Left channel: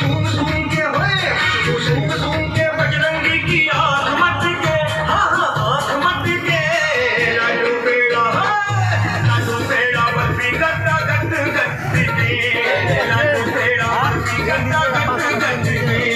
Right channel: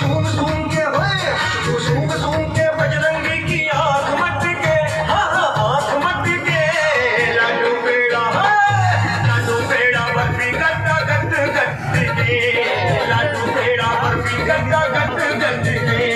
सूंघ सूंघ के होए तू सूंघ सूंघ के बजरंगी की आंख मत के हाँ हाँ आंख मत के लाडू पेड़ा बर्फी गट्टा गट गट के लाडू पेड़ा बर्फी गट्टा गट गट के